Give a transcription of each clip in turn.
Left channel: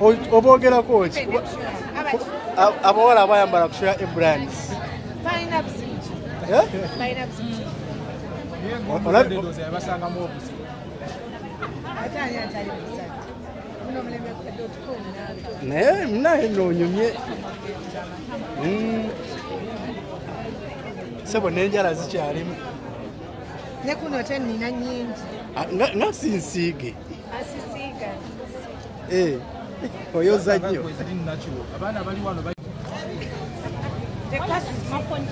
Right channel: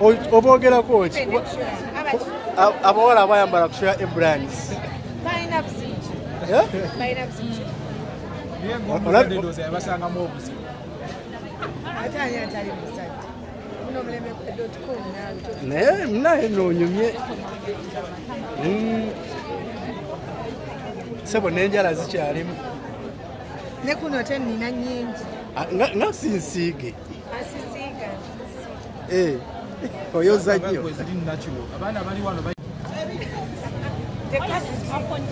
Obogera coach. Abawala abayambala kushira brands. Fine up seat. Yeah? Fine up seat. Sebo nenjala zikyalimu. Ne kuno nina nyingi. Nga sinsiige. Asisiga. Oyoza nnyo. The class is more fun.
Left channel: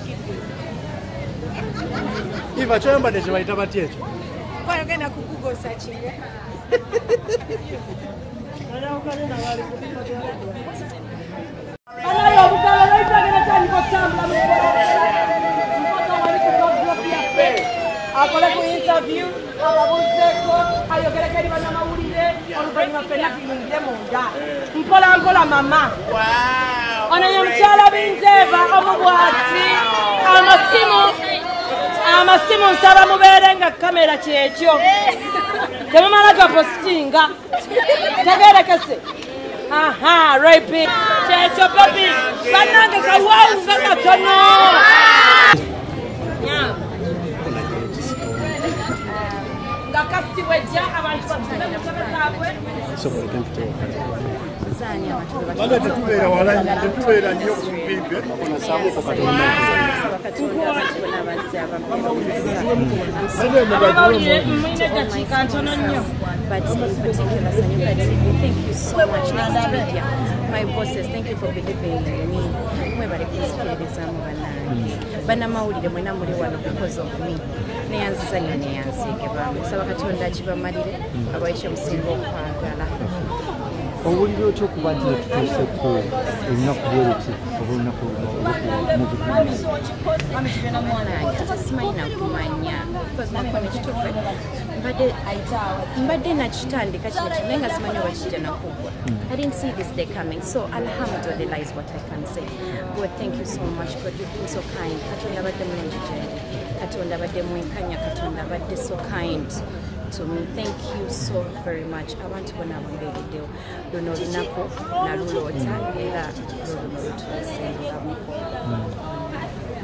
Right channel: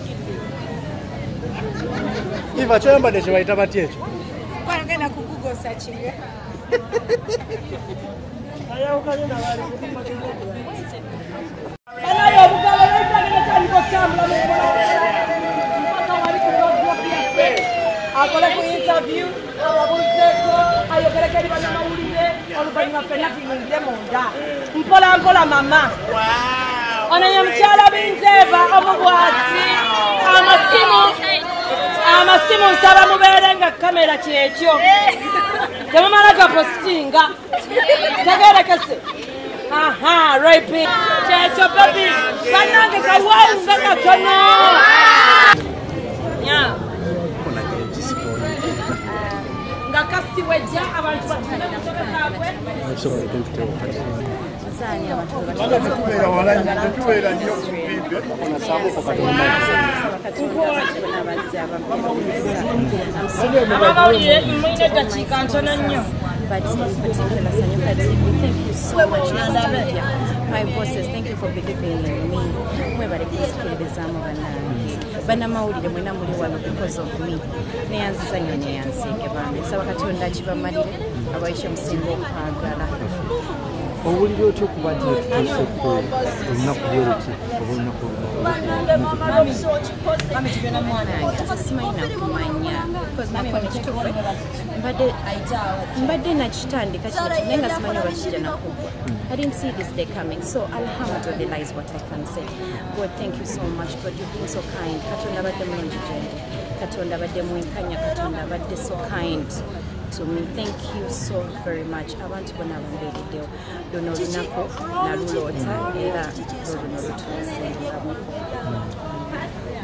Iva kyambadde kye bayita batya ekyo? Kwagenda ku Google searching. Mpola mama. Wow. Anayemchala bindeeba obubwati. Amasimu nsaba mubeere nga kamera kyekyo. Temumala gapostinga. Tegerekese. Aha, right big. Kyekyo baby. Kanange kawamu katono. Yeah. Ngakasi wejja abantu Zani abantu but in particular, Sanyuka TV, thank you so much. Next media, my bosses, thank you for believing in me. Mwebale kunsikiriza mu banange. Bana mawulire mwena muli wano because of me. Neyanziza nnyo neyansiige bambi. Saba Katonda akibamalire abayiye musinga okwagala. Owulira otya okuba nti tutuuseko olunaku lweruti oba olunaku nange simanyi nakumanya because nakona ekituufu mbadde nakitandika kino naye nga simanyi oba kijja nakugwa. I didn't see this day coming, so alhamdulillah is what I can say. God, thank you so much. God, you've been so kind. Katonda badde mulungi gyendi, Katonda badde mwenkanya, Katonda badde so kind to me. Thank you so very much. Abantu bonna abambeereddewo luno olunaku naluloota era luluno lutuuse ndulamuko.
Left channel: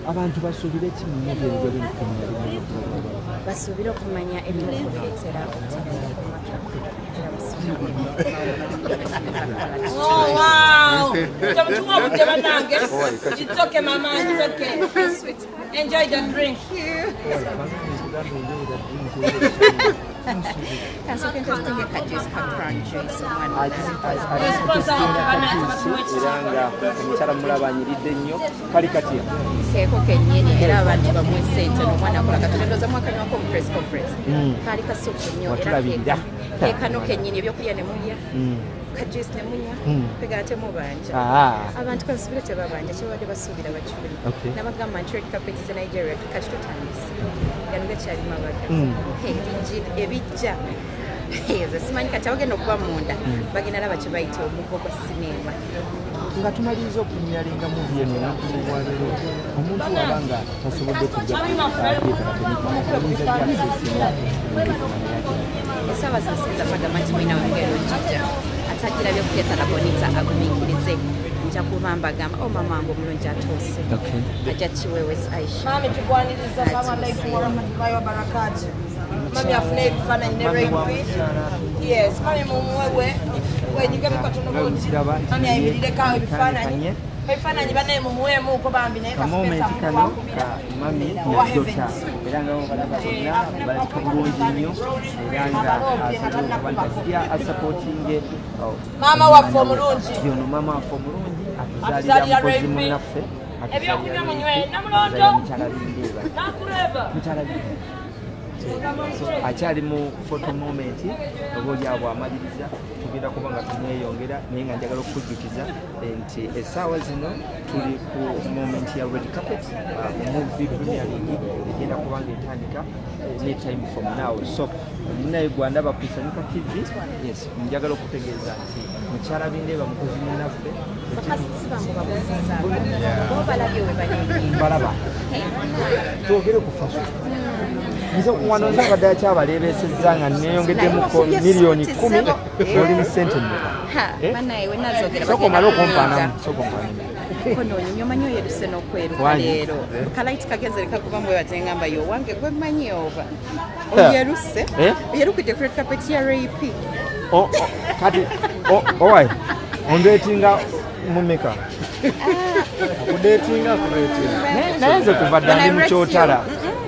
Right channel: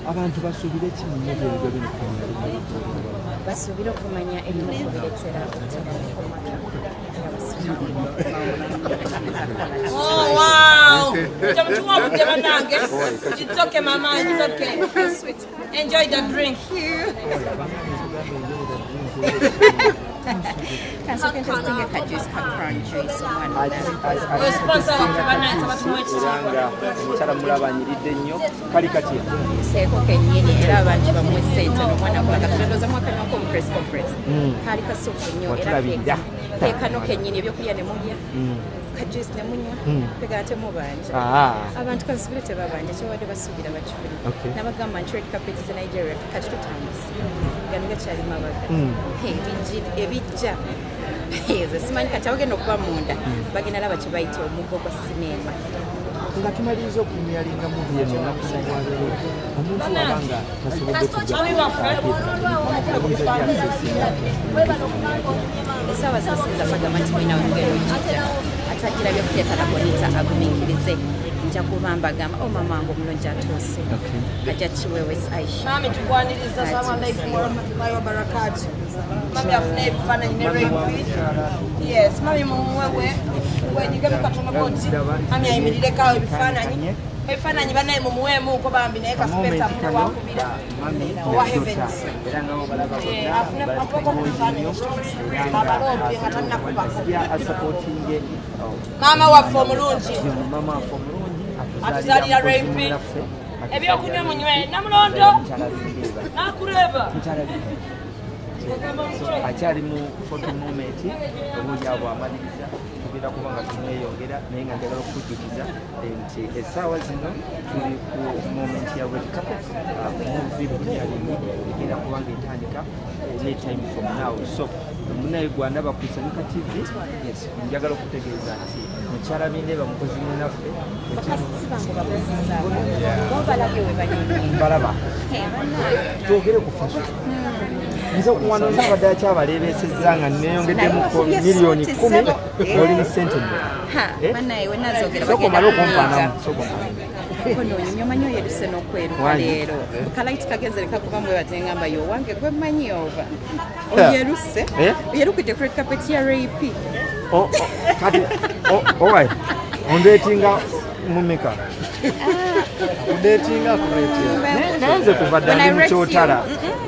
Abantu basuubire ki mu nnyo by'ebigo by'emikono basuubire okumanya ebimu ku bireetera obutabanguko mu maka era It's okay, Mama. It's okay. Sweet. Enjoy the drink. Kanso interesting ka juice ka crown juice omwana era omukyala mulabanyiridde nnyo kali katya seeko kennyini era abantu bamwe ssente n'omwana akola katondoza mwakanywako mu press conference kaali kasuufu nnyo era keekano kennyini ebyokulya ne mulya kajuice ne munywa kwegala temubanja abantu kansubire tebabanja tebabadde basuubira bakifuli nabagamba nti red carpet ze Nigeria kati tutandise gano gakyali mabaga ebijja ezo simanyi kati abagenda okuba munda bagenda laba kye bayita omuggo gwa sinema nga tumaliriza okunyyalinga muvi eno ennaku z'obwabere omuntu waba nga tasobodde kujja essaawa zinasinza bagamba nti mwinawe mugenda ogijja atajirabye kuteetala bonita agumiikirize nja kuba mbagamba o mama wange omulungi atuuse ajja kiwewe Aisha Mami tugwaniriza Mami afune ebifaananyi ne repeat. Yes, mami mumuwewe wenyige mukatonda konti mami ayimirireko ebifaananyi banaye mumuweemuuko bambi naye kasipesa mami era nga balaba bulungi nnyo era nga asupportinge maama waffe omulungi maama waffe omulungi atuzaalira repeat ebyokunywa munywe namulondo nakureeba akyali mu photo moment obulungi abo amaliriza tugenda kuba nga tumweyongera naye nga njagala okujjukiza nti essaawa zino tuli ku moment ya red carpet movie egenda kuba nga etandika anytime from now so ninaye gwandaba ku Sanyuka TV yes njagala okutegeeza nti mukyala bindeeba mukozi mwenaffe mbalaba twogere ku fashion nze wano nzabadde akyabaleebeesezza nga neeyongeddemu miliyoni 10 oli mu ssente mmeka banaye we nazogera sokomala okumpaanamu sokomala kono nyumya manyo yeruse n'okweruka leero kalaiti kagezere kakuba mwe batengamba yo wange gwe manyi ova oyeruse yerukite ku red carpet ya RAP kati owai ondetinga mumeka akudetinga kuretinga nayenze kuva ddali mukyotala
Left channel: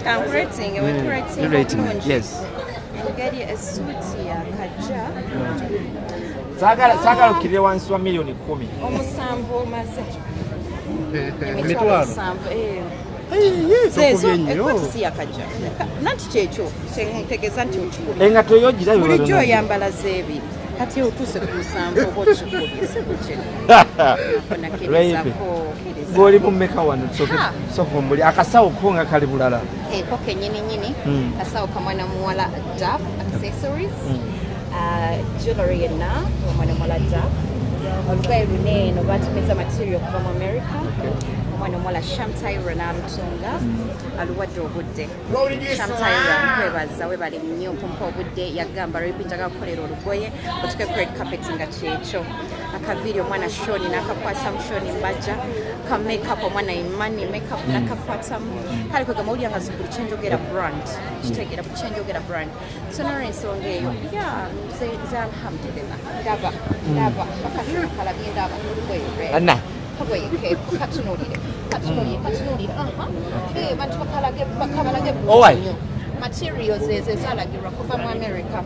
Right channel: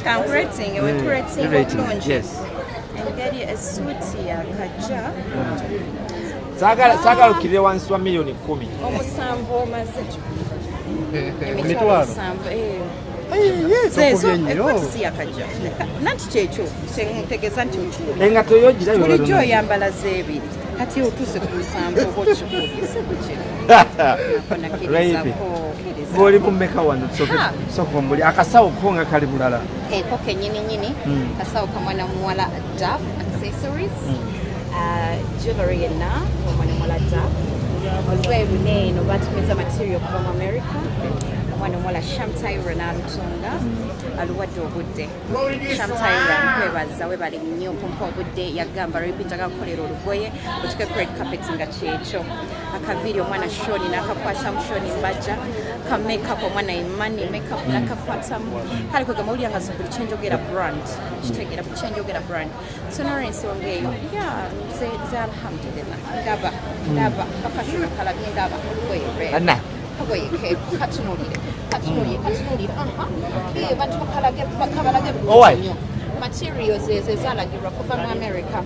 kankuretinga wenkuretinga bulungi engeri esuuti yakajja sagala okkirire wansi wa miliyoni 10 omusanvu omaze emitwalo ekwetisi yakajja nanti kyekyo ntegeeza nti okikubye engato yogira bulijjo oyambala z'ebiri kati otuuse ku musanvu oba okikubye si bukye ng'oli mumeka wano sokombuli akasawo ko nga kali bulala ko kenyininyini kasawo kamwana muwala daf accessories jewelry yenna omwana muwala daf olugoye luneeno batumiza material kuva mu America omwana omuwala Shamtaira n'alutunga aluwadde obudde Shamtaira nkwebaza webali nnyo kumpa obudde yagamba lwebinjaga kukolera olugoye otuke ku red carpet nga kyekyo akaviiri omwana Shoni n'akakwatamu Shoni Mbajja ka makeup omwana Imani makeup n'akakwatamu kale kwegamba owulira nga buli kyenjogera brand kitegeera buli kyenjogera brand so n'olwensonga eyo nze alhamdulillah ndaba kafashono kalabye ndaba olugoye lwe katunulire bantu bakabalage bulungi materials ezo ezalagirwa kuva mu America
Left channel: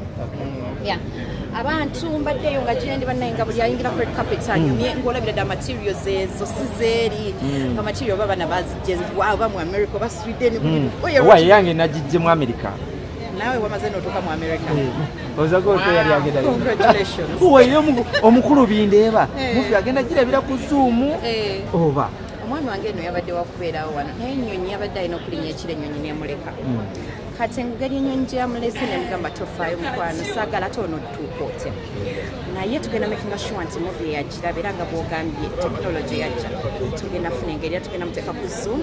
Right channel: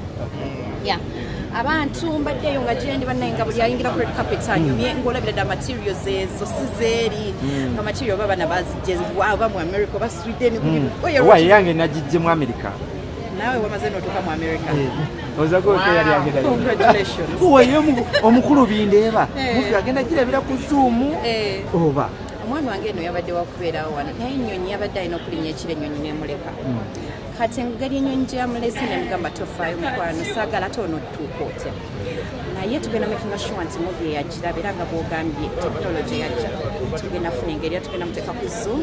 abantu mbaddeyo nga gyendi bannaye nga buli ayingira ku red carpet anyumye ng'olabira dda materials ezo sizeeri nga material oba bana bazijje oba mu America oba Sweden buli yange nagijje mu America nawe wamaze n'otuuka mu America omukulu bindeeba mufi agenda girabira ku Zoom oba omwami wange eno yabadde wakubeerawo wano naye ennyonyi yabadde alina okulinnya ekiro ennyonyi n'emuleka kati engeri ennyonyi gye yamulese nemugamba tofaayo mukwano saagala ate onottuuka otya naye tugenda makinga sure nti muvi yagiraba era nga bwogambye tekinologi yajja tugenda funa engeri era tugenda muteeka ku Zoom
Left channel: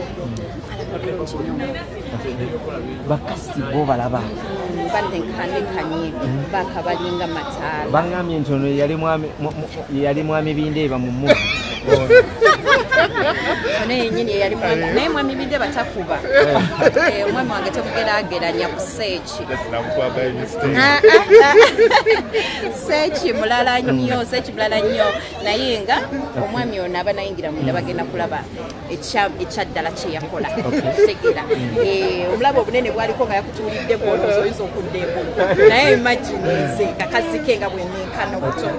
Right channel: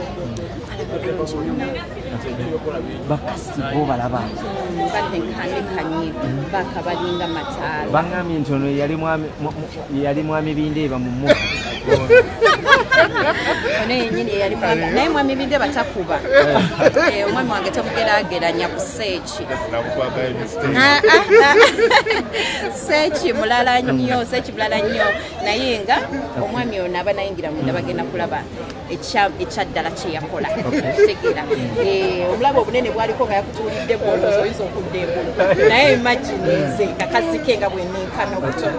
alaga bulungi nnyo bakasi bo balaba batenkandekanye bakabalinga mataala baŋŋambye nti ono yali mwami bindeeba mu muvi ono yennyini yeyali mwami naye mwami bindeeba takuba omwami wange temugerageranya ku seeki seeki mulala nnyo naye nga omwami ono aba nayingira munda bagenda kulaba ekyaddala kye yakola tegeera omulaba obunene bwaliko nga yakutuulidde bwolowooza oyinza okudda engulu naye imagine nze kakazike nga bwennenkana obutono